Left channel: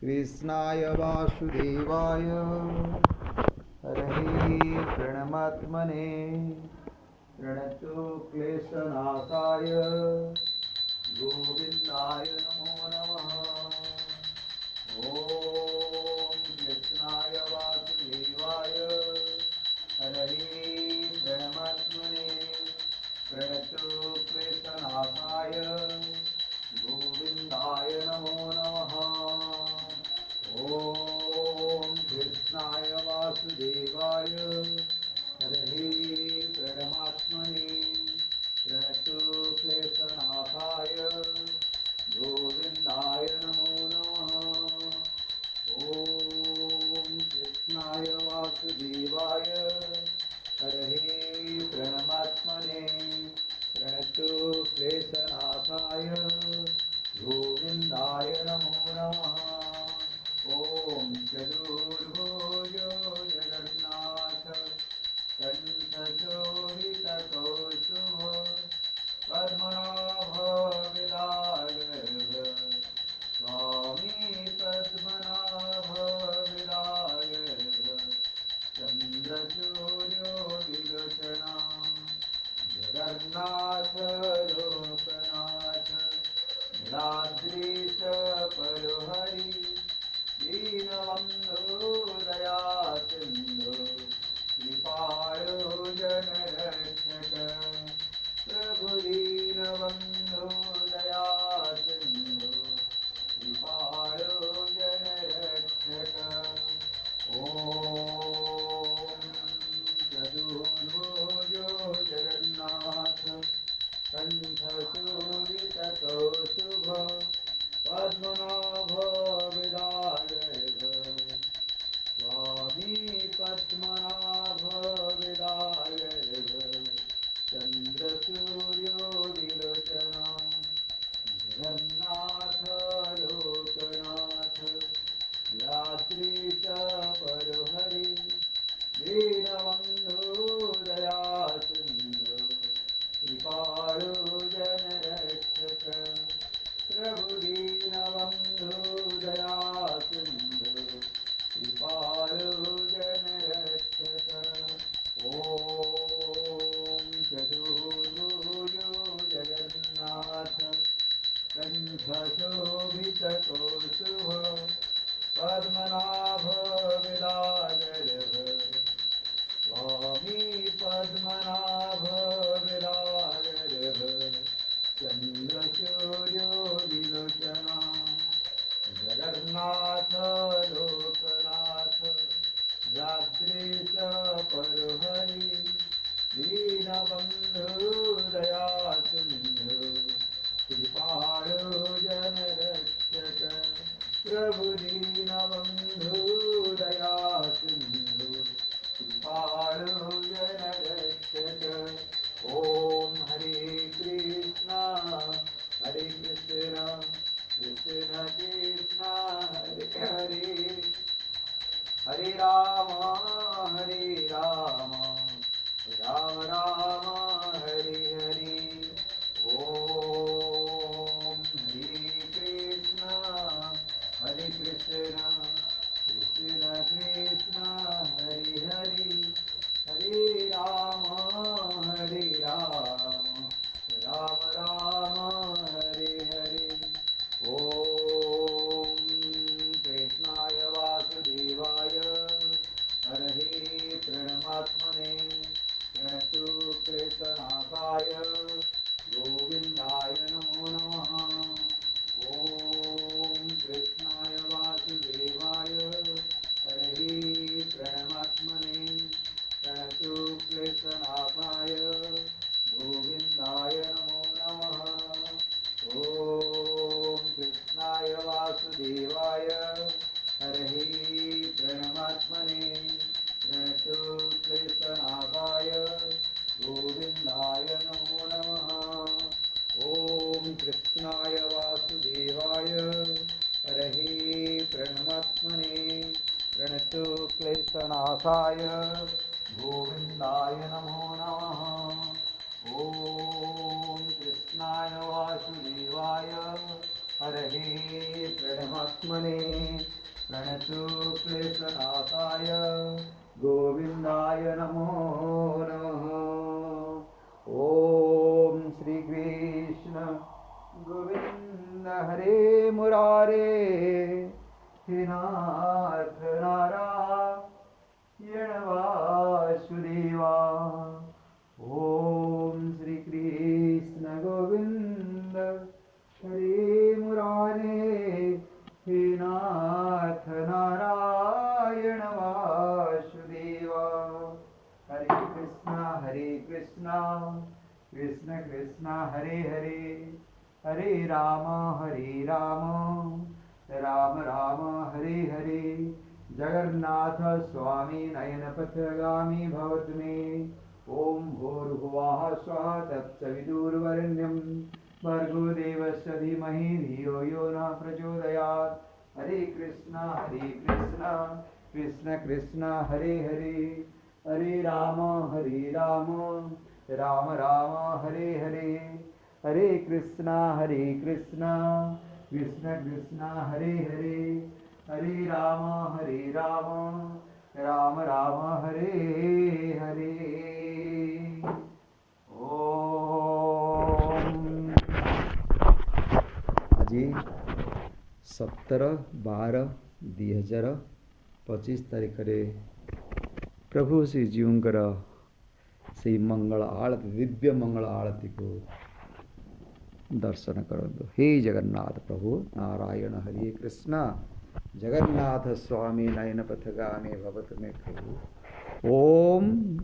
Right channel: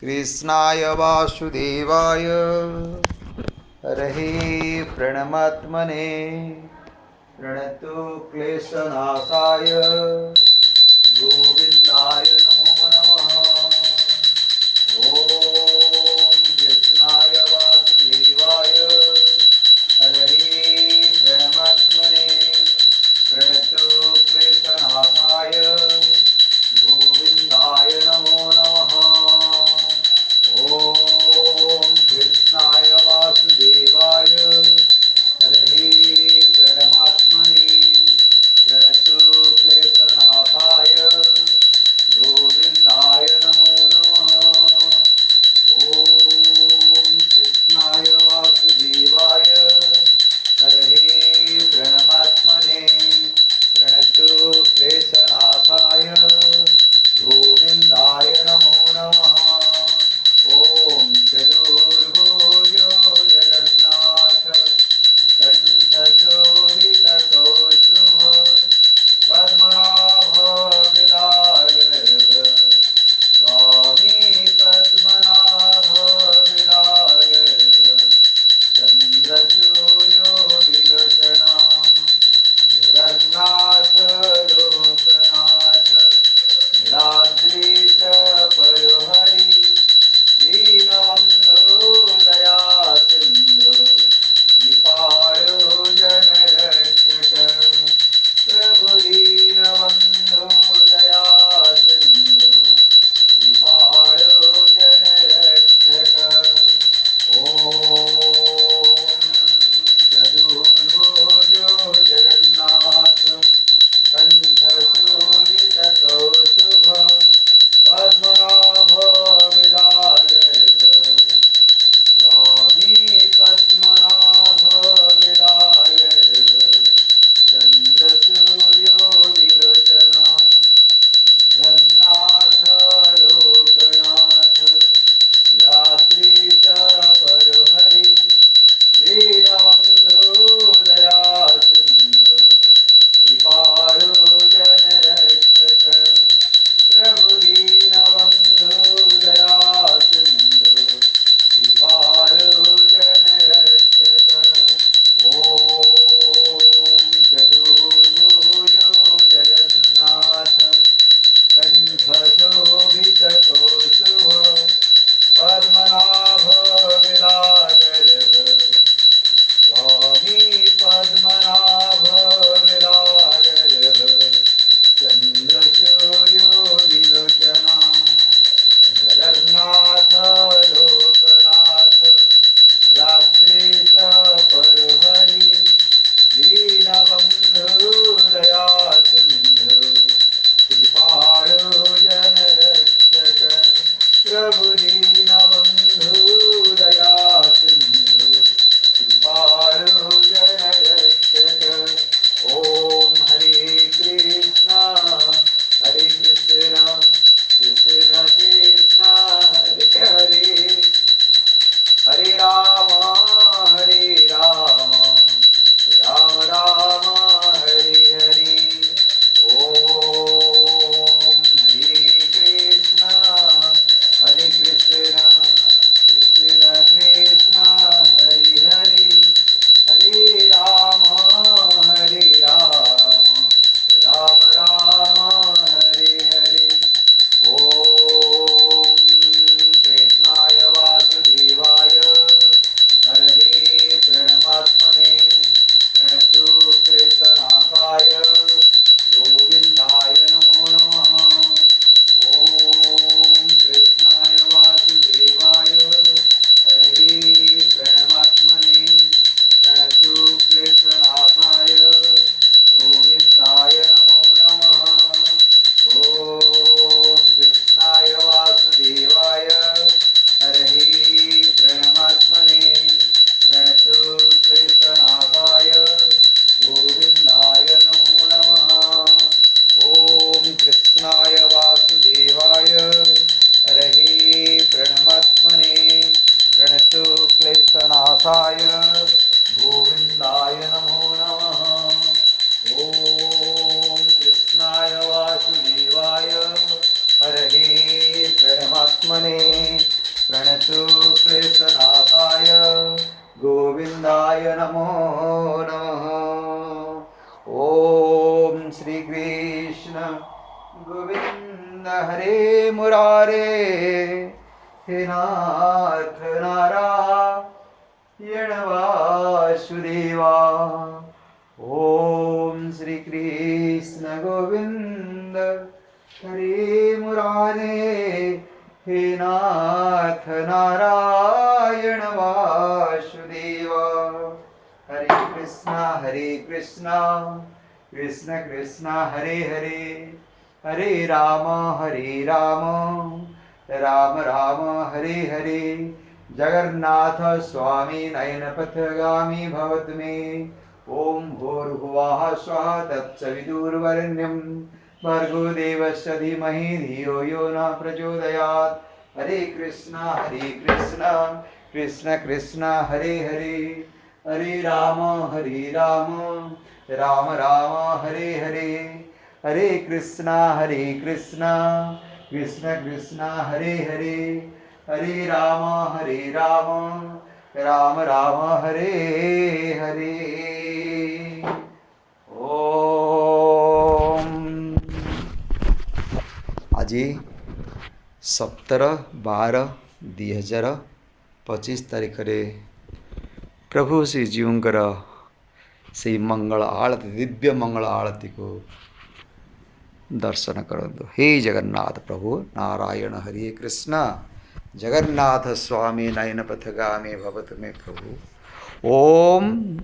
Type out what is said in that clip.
कृष्णाय वासुदेवाय हरये प्रणमात्मने प्रणतो क्लेशनाशाय गोविन्दाय नमो नमः। ॐ कृष्णाय वासुदेवाय हरये प्रणमात्मने प्रणतो क्लेशनाशाय गोविन्दाय नमो नमः। ॐ कृष्णाय वासुदेवाय हरये प्रणमात्मने प्रणतो क्लेशनाशाय गोविन्दाय नमो नमः। ॐ कृष्णाय वासुदेवाय हरये प्रणमात्मने प्रणतो क्लेशनाशाय गोविन्दाय नमो नमः। ॐ चतुर्भुज जगन्नाथ कंठचूडितकौस्तुभ पद्मनाभ विराजः स्वामी पद्मनाभ विराजः चन्द्रसूर्यो विलोचना जगन्नाथ लोकनाथ नीलाद्रीश परोहरि दीनबन्धु दया सिन्धु कृपाळु जनरक्षक प्रभु दीनबन्धु दया सिन्धु कृपाळु जनरक्षक। ॐ चतुर्भुज जगन्नाथ कंठचूडितकौस्तुभ पद्मनाभ विराजः स्वामी पद्मनाभ विराजः चन्द्रसूर्यो विलोचना जगन्नाथ लोकनाथ यात्रीश परोहरि दीनबन्धु दया सिन्धु कृपाळु जनरक्षक प्रभु दीनबन्धु दया सिन्धु कृपाळु जनरक्षक। ॐ चतुर्भुज जगन्नाथ कंठशोभितकौस्तुभ पद्मनाभ विराजः स्वामी पद्मनाभ विराजः चन्द्रसूर्यो विलोचना नारायणाय नमो नमः। ओम श्री कृष्ण गोविंद हरे मुरारे, हे नाथ नारायण वासुदेवा। ओम श्री कृष्ण गोविंद हरे मुरारे, हे नाथ नारायण वासुदेवा। हरे कृष्णा कृष्ण कृष्ण हरे हरे, हरे राम राम राम हरे हरे। जगन्नाथ स्वामी नयनपथगामी भवतु मे। ओम भूर्भुवः स्वः तत्सवितुर्वरेण्यं भर्गो देवस्य धीमहि धियो यो न प्रचोदयात्। हरे कृष्णा कृष्ण कृष्ण हरे हरे, हरे राम राम राम हरे हरे। हरे कृष्णा कृष्ण कृष्ण हरे हरे, हरे राम राम राम हरे हरे। ओम आज 17/12/2025 तारीख रे प्रभु श्री जीवंकर से मंगल आरती, दिव्य मंगल आरती को दर्शन करंतु। हे जगन्नाथ प्रभु नारायण हरे कृष्ण, जगन्नाथ स्वामी नयन पथगामी भवतु मे प्रभु। ओम